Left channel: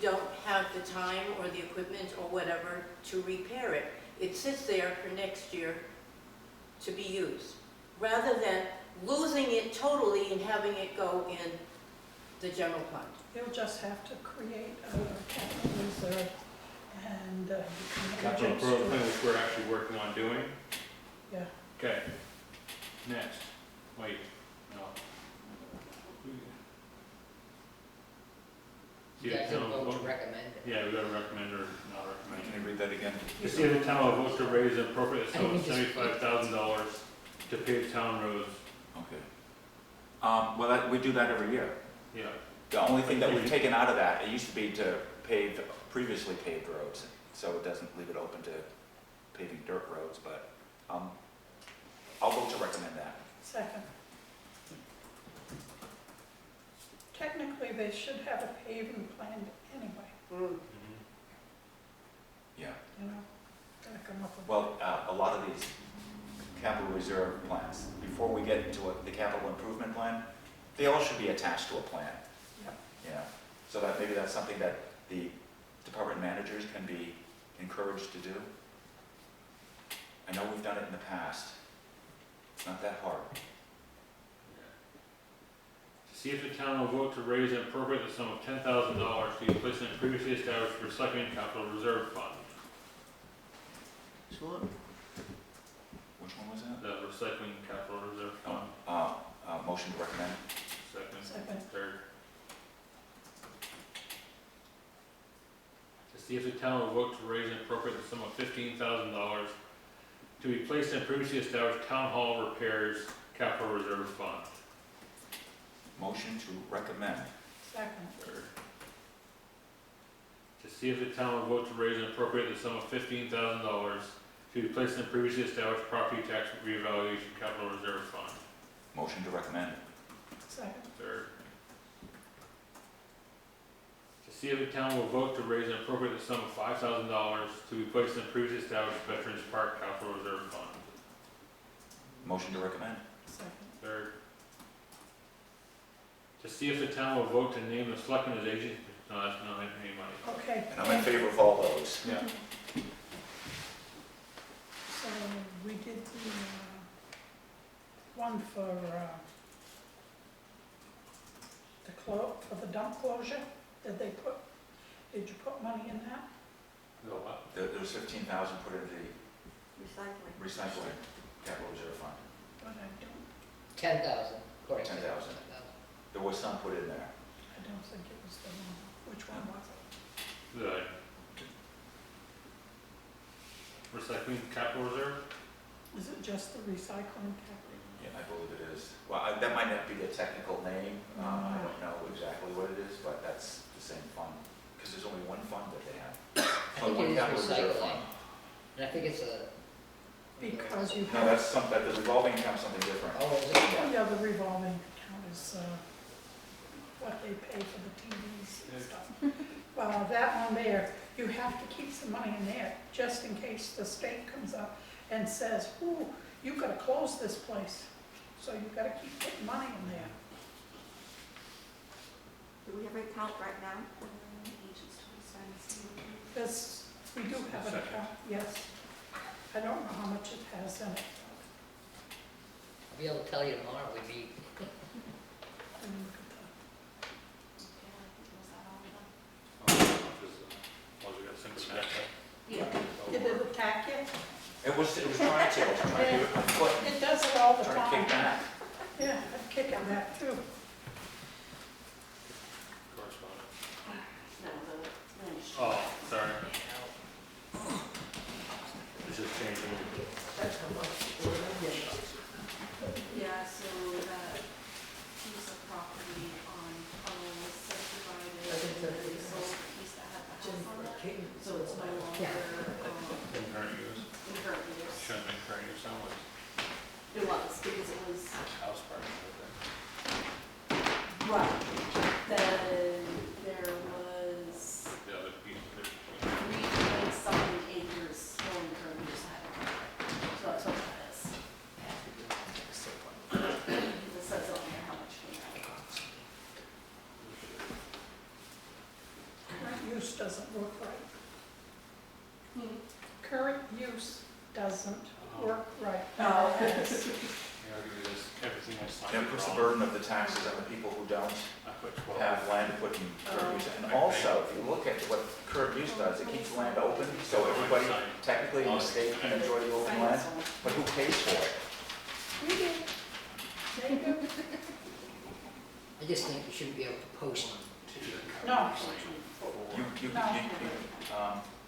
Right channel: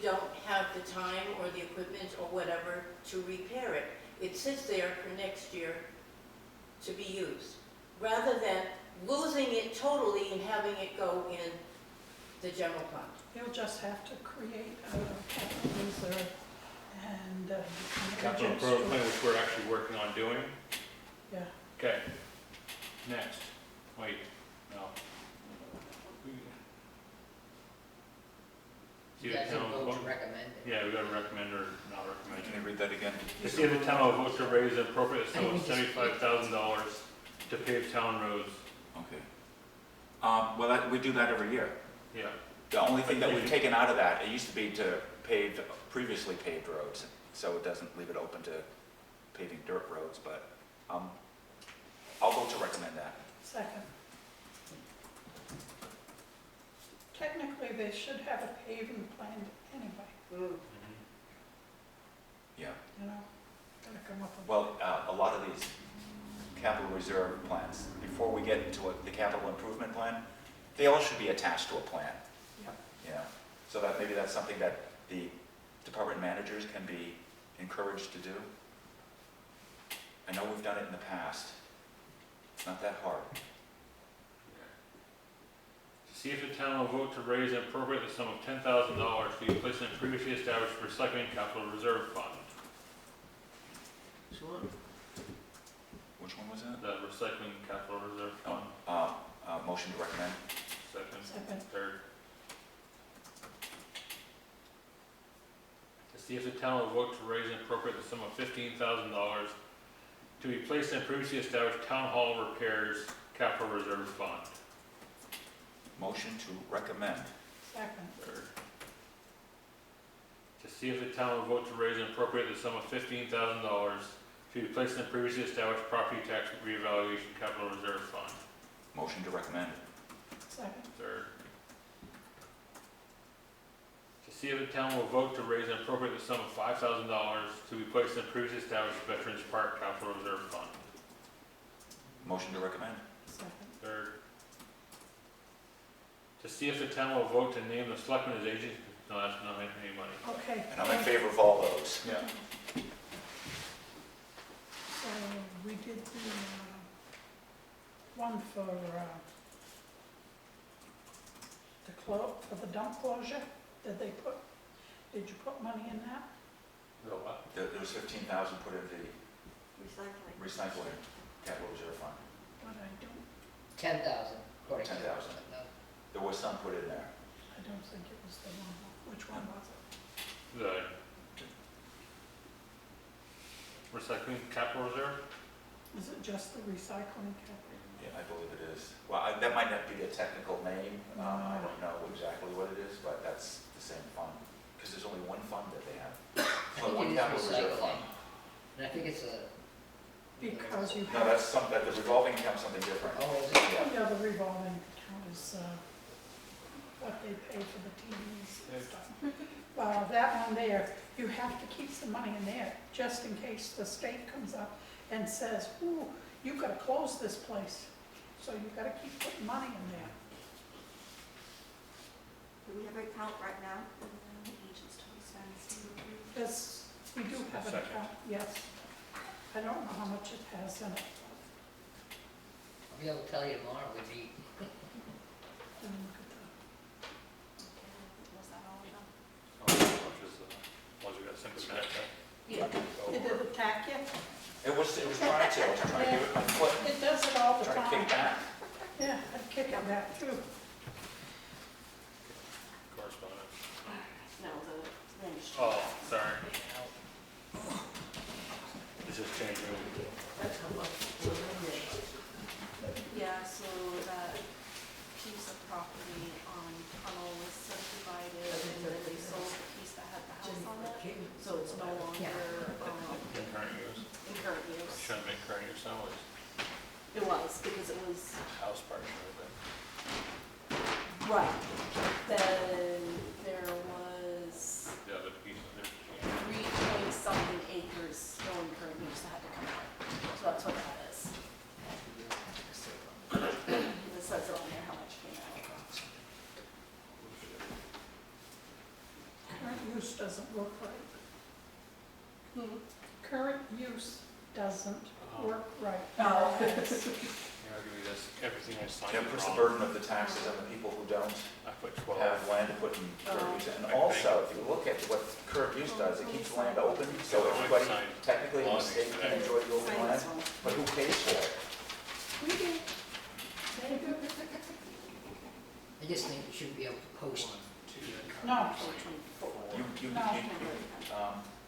don't have the time or the equipment or whatever to repair it. It sits there for next year to be used, rather than losing it totally and having it go in the general fund. You'll just have to create a capital reserve and you can Capital register. improvement plan, which we're actually working on doing. Yeah, Okay. Next. Wait, no. You guys can vote to recommend it. Yeah, we gotta recommend or not recommend. Can you read that again? To see if the town will vote to raise an appropriate sum of $75,000 to pave town roads. Okay. Well, we do that every year. Yeah. The only thing that we've taken out of that, it used to be to pave previously paved roads, so it doesn't leave it open to paving dirt roads, but I'll vote to recommend that. second. Technically, they should have a paving plan anyway, Yeah. you know, gotta come up with. Well, a lot of these capital reserve plans, before we get into the capital improvement plan, they all should be attached to a plan. Yep. You know, so that maybe that's something that the department managers can be encouraged to do. I know we've done it in the past. It's not that hard. To see if the town will vote to raise and appropriate the sum of $10,000 to be placed in a previously established recycling capital reserve fund. Sure. Which one was that? The recycling capital reserve fund. Motion to recommend. Second. Second. Third. To see if the town will vote to raise and appropriate the sum of $15,000 to be placed in previously established town hall repairs capital reserve fund. Motion to recommend. Second. Third. To see if the town will vote to raise and appropriate the sum of $15,000 to be placed in previously established property tax reevaluation capital reserve fund. Motion to recommend. Second. Third. To see if the town will vote to raise and appropriate the sum of $5,000 to be placed in previously established Veterans Park capital reserve fund. Motion to recommend. Second. Third. To see if the town will vote to name the selectmen as agent, no, that's not any money. Okay. And I'm in favor of all those. Yeah. So we did the one for for the dump closure. Did you put money in that? The what? There was 15,000 put into the Recycling. recycling capital reserve fund. But I don't, 10,000, according to. 10,000. There was some put in there. I don't think it was the one. Which one was it? The recycling capital reserve? Is it just the recycling capital? Yeah, I believe it is. Well, that might not be the technical name. I don't know exactly what it is, but that's the same fund. Because there's only one fund that they have. I Only one think it capital is reserve recycling. fund. And I think it's a. Because you No, have, that's the revolving account's something different. Oh, is it? yeah, the revolving account is what they pay for the TVs and stuff. Well, that one there, you have to keep some money in there, just in case the state comes up and says, ooh, you gotta close this place. So you gotta keep putting money in there. Do we have an account right now for the agents to spend? This, we do have an account, yes. I don't know how much it has in it. I'll be able to tell you tomorrow, we meet. But, look at the- Was that all of them? Once we got simple tax. Yeah. Did it attack you? It was trying to. I was trying to do it with my foot. It does it all the Trying to time. kick back. Yeah, I'd kick it back too. Correspondence. No, the land use. Oh, sorry. This is changing. Yeah, so that piece of property on Tunnel was subdivided and then they sold the piece that had the house on it. So it's no longer, In current use. in current use. Shouldn't make current use anyways. It was, because it was, House part and everything. right, then there was The other piece of it. 3.something acres still in current use that had to come out. So that's what that is. It says it on there how much came out. use doesn't work right. Hmm. Current use doesn't Oh. work right. Oh. Here, I'll give you this, everything I signed. And it puts the wrong. burden of the taxes on the people who don't I put 12. have land to put in current use. And Okay. also, if you look at what current use does, it keeps land open, so everybody technically in the state can enjoy the open Sign land, this one. but who pays for it? We do. They do. I just think you shouldn't be able to post. No.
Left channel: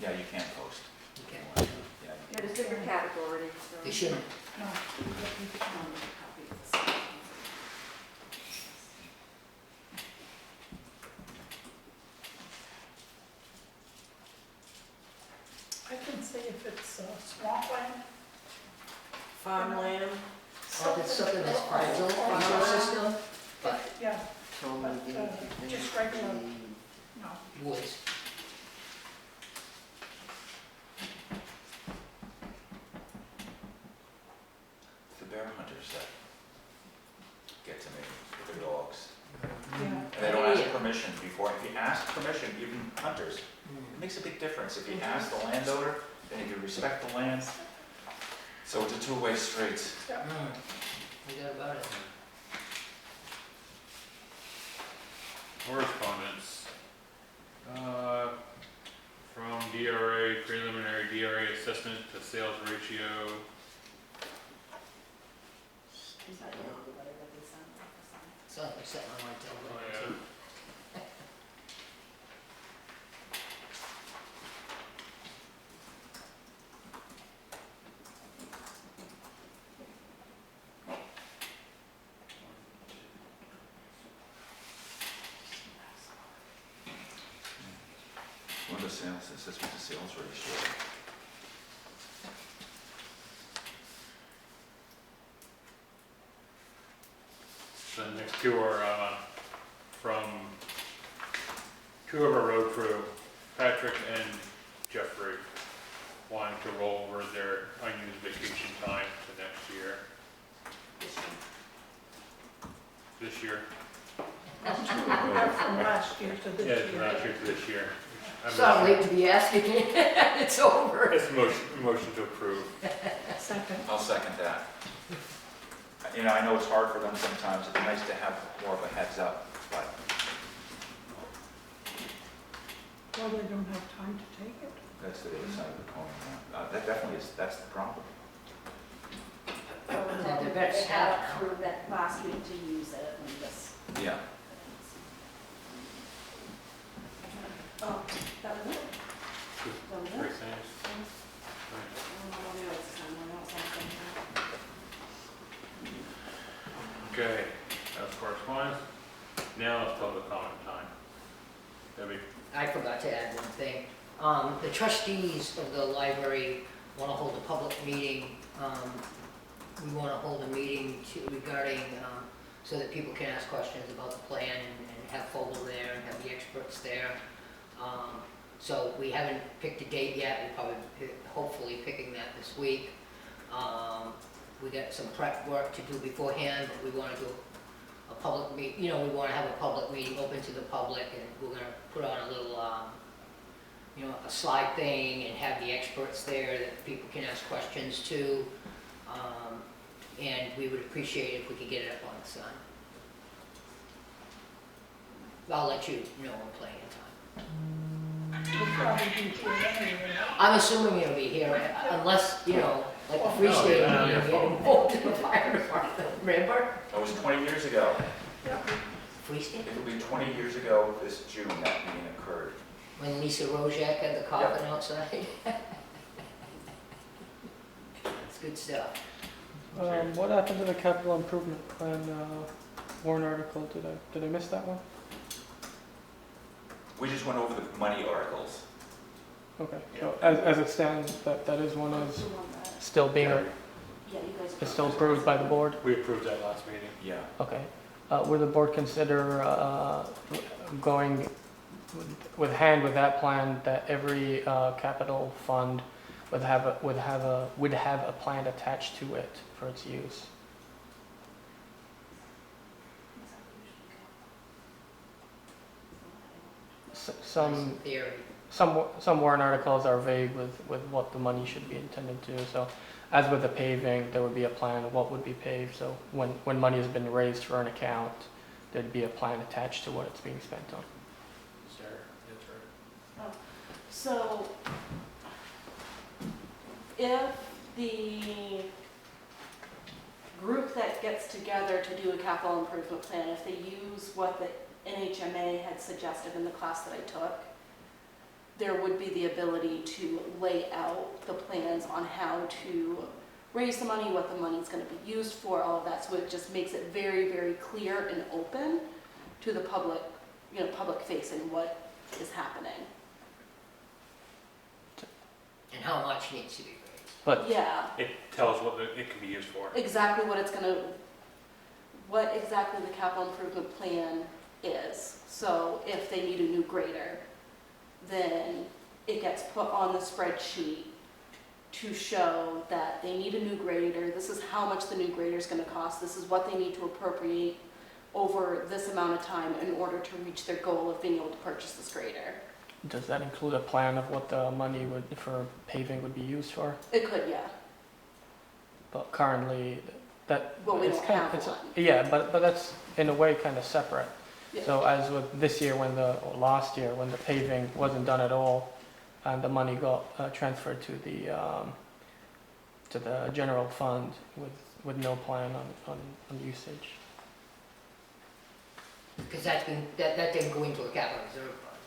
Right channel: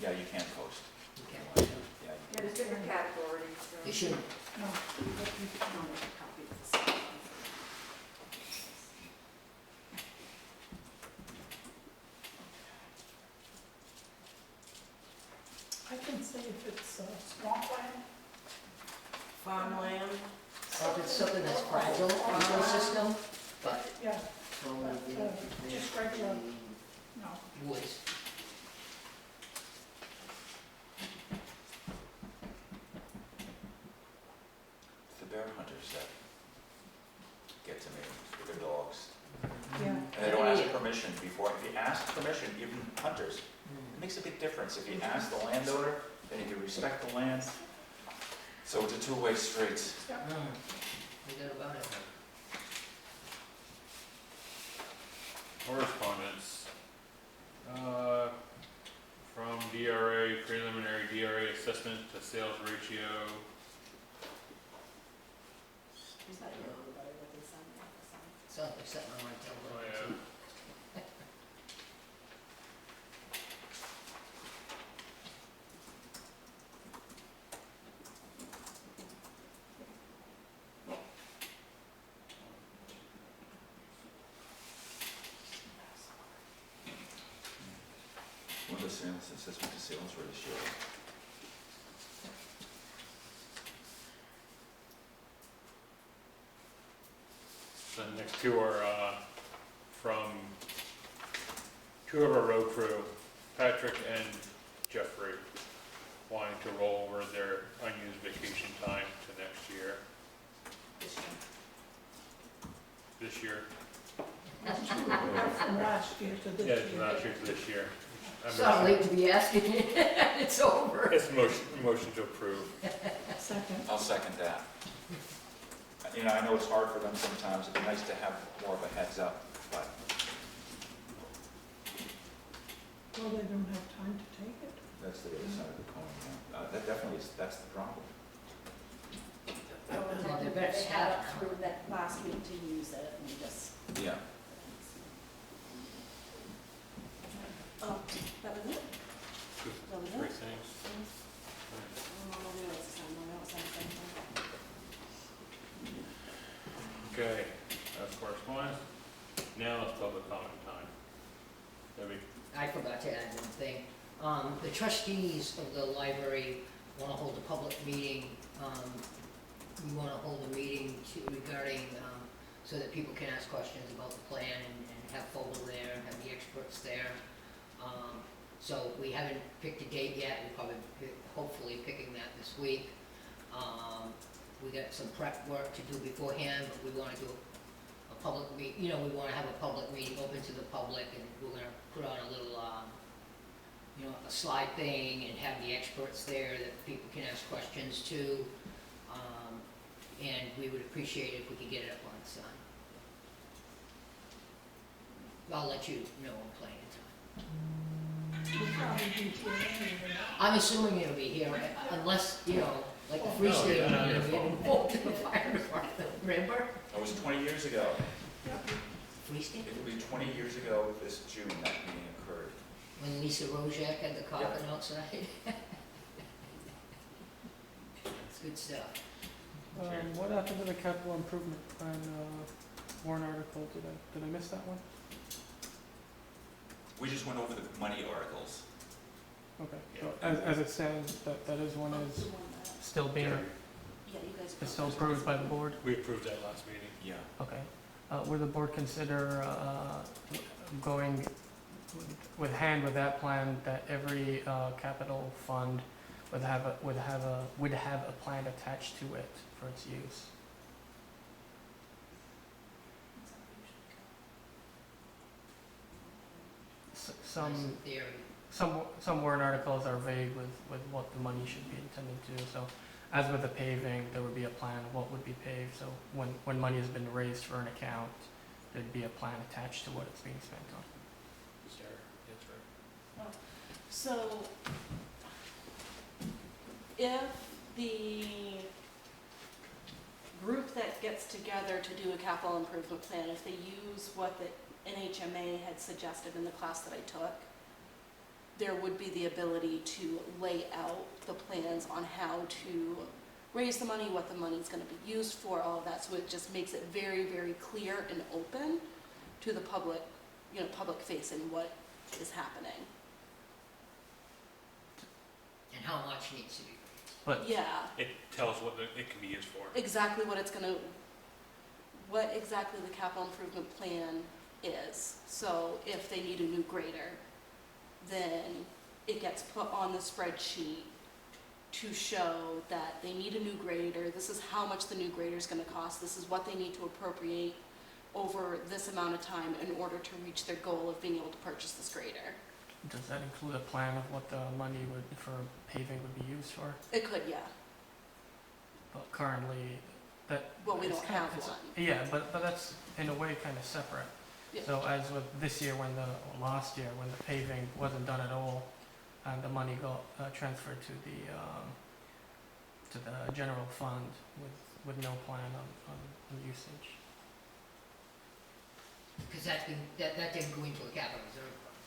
Yeah, you can't post. You can't. Yeah, Yeah, there's different categories. so- You shouldn't. No. I'll make a copy of this. I can see if it's swampland. Farmland, Or if it's something that's fragile ecosystem, but Yeah, just regular, no. woods. It's the bear hunters that get to me with their dogs. Yeah. And they don't ask permission before. If you ask permission, even hunters, it makes a big difference. If you ask the landowner, then you can respect the land. So it's a two-way street. We got about it. Correspondence. From DRA, preliminary DRA assessment to sales ratio. Is that your letter that they sent? It's not like sitting on my Oh, table. yeah. What are the sales, it says what the sales ratio. The next two are, from two of our road crew, Patrick and Jeffrey, wanting to roll over their unused vacation time to next year, this year. From last year to Yeah, this from year. last year to this year. It's not late to be asking. It's over. It's motion to approve. Second. I'll second that. You know, I know it's hard for them sometimes. It'd be nice to have more of a heads up, but Well, they don't have time to take it. that's the other side of the coin. Yeah. That definitely is, that's the problem. Yeah, they better They stop had up now. through that last week to use it and just. Yeah. Oh, that was it? That was Three it? things. Oh, no, it's somewhere else, I think. Okay, that's correspondence. Now it's public comment time. Debbie? I forgot to add one thing. The trustees of the library want to hold a public meeting. We want to hold a meeting regarding, so that people can ask questions about the plan and have Fogel there and have the experts there. So we haven't picked a date yet. We'll probably, hopefully picking that this week. We got some prep work to do beforehand, but we want to do a public meet, we want to have a public meeting open to the public, and we're going to put on a little, a slide thing and have the experts there that people can ask questions to. And we would appreciate it if we could get it up on the sign. I'll let you know when plenty of time. We'll probably be here anyway. I'm assuming it'll be here, unless, like the Free Oh, State yeah, meeting, your we phone. had involved in the fire department, remember? That was 20 years ago. Yep. Free State? It'll be 20 years ago this June that meeting occurred. When Lisa Rojak had the coffin outside. It's good stuff. What happened to the capital improvement plan warrant article? Did I miss that one? We just went over the money articles. Okay. Yeah. So as it stands, that is one is The one that, still being, Carry. yeah, you guys. is still approved by the board? We approved that last meeting. Yeah. Okay. Would the board consider going with hand with that plan, that every capital fund would have a plan attached to it for its use? some theory. some warrant articles are vague with what the money should be intended to. So, as with the paving, there would be a plan of what would be paved. So when money has been raised for an account, there'd be a plan attached to what it's being spent on. Sarah, that's right. So if the group that gets together to do a capital improvement plan, if they use what the NHMA had suggested in the class that I took, there would be the ability to lay out the plans on how to raise the money, what the money's gonna be used for, all of that, so it just makes it very, very clear and open to the public, public facing what is happening. And how much needs to be raised. But Yeah, It tells what it can be used for. exactly what what exactly the capital improvement plan is. So if they need a new grader, then it gets put on the spreadsheet to show that they need a new grader, this is how much the new grader is gonna cost, this is what they need to appropriate over this amount of time in order to reach their goal of being able to purchase this grader. does that include a plan of what the money for paving would be used for? It could, yeah. But currently, that Well, we it's don't kind- have it's- one. Yeah, but that's in a way kind of separate. Yeah. So as with this year, or last year, when the paving wasn't done at all, and the money got transferred to the general fund with no plan on usage. Because that didn't go into a capital reserve fund.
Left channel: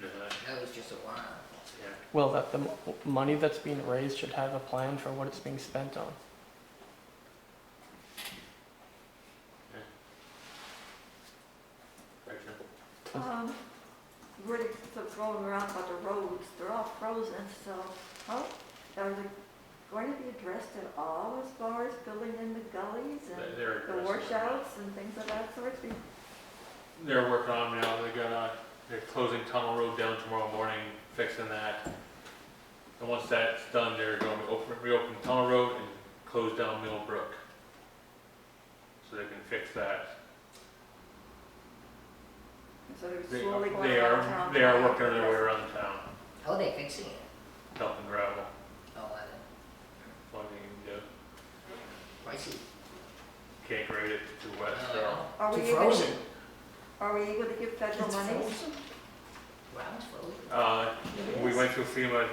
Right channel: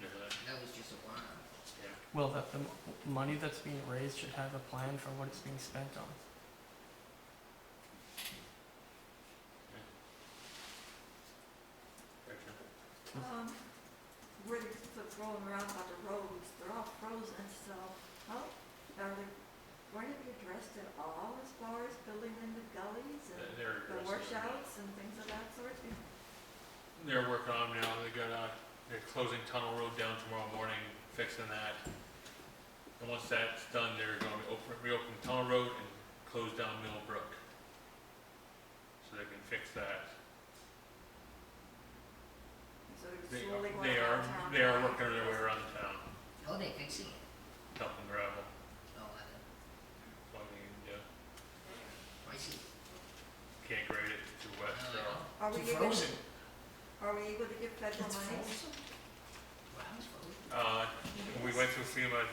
Yeah. That was just a one-off. Yeah. Well, that the money that's being raised should have a plan for what it's being spent on. Rachel? We're going around about the roads, they're all frozen, so how, are they going to be addressed at all as far as building in the gullies and They're the addressing it. washouts and things of that sort? They're working on them now. They're closing Tunnel Road down tomorrow morning, fixing that. And once that's done, they're going to reopen Tunnel Road and close down Millbrook. So they can fix that. So they're They slowly going they around are, town. they are working their way around town, How are they fixing it? dumping gravel. Oh, I don't, That's one thing you can do. I see. Can't grade it too wet, so. Are we It's able, frozen. are we able to give federal It's money? frozen. Ground's frozen. We went through FEMA,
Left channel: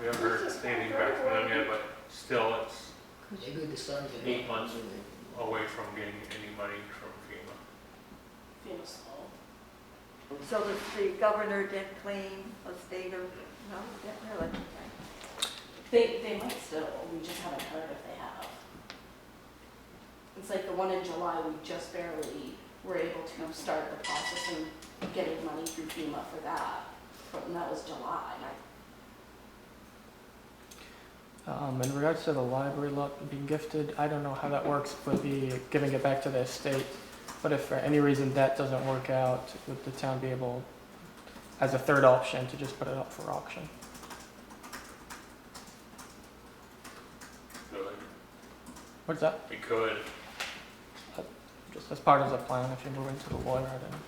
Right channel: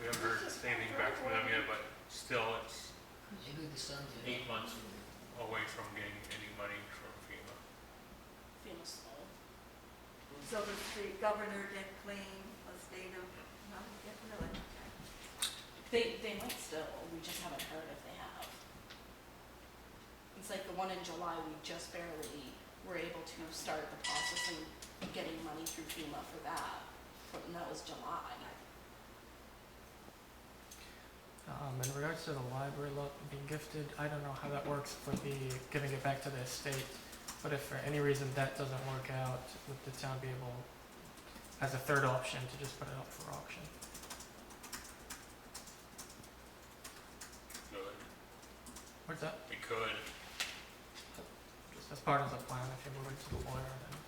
we haven't heard anything back from them yet, but still it's Maybe the sun's. 8 months away from getting any money from FEMA. FEMA's slow. So that the governor did claim a state of, no, yeah, really, okay. They might still, we just haven't heard if they have. It's like the one in July, we just barely were able to start the process of getting money through FEMA for that, and that was July. In regards to the library lot being gifted, I don't know how that works for the giving it back to the estate. But if for any reason that doesn't work out, would the town be able, as a third option, to just put it up for auction? Good. What's that? We could. Just as part of the plan, if you're moving to the water, then.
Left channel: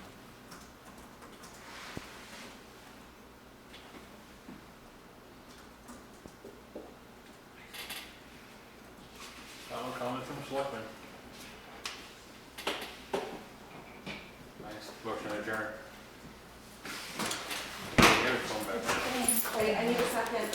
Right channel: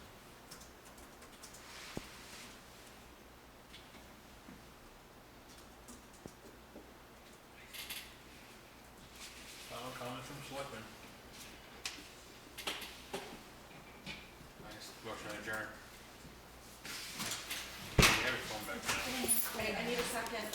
Final comments from Selectmen? Nice. Motion adjourned. Have your phone back now. Wait, I need a second.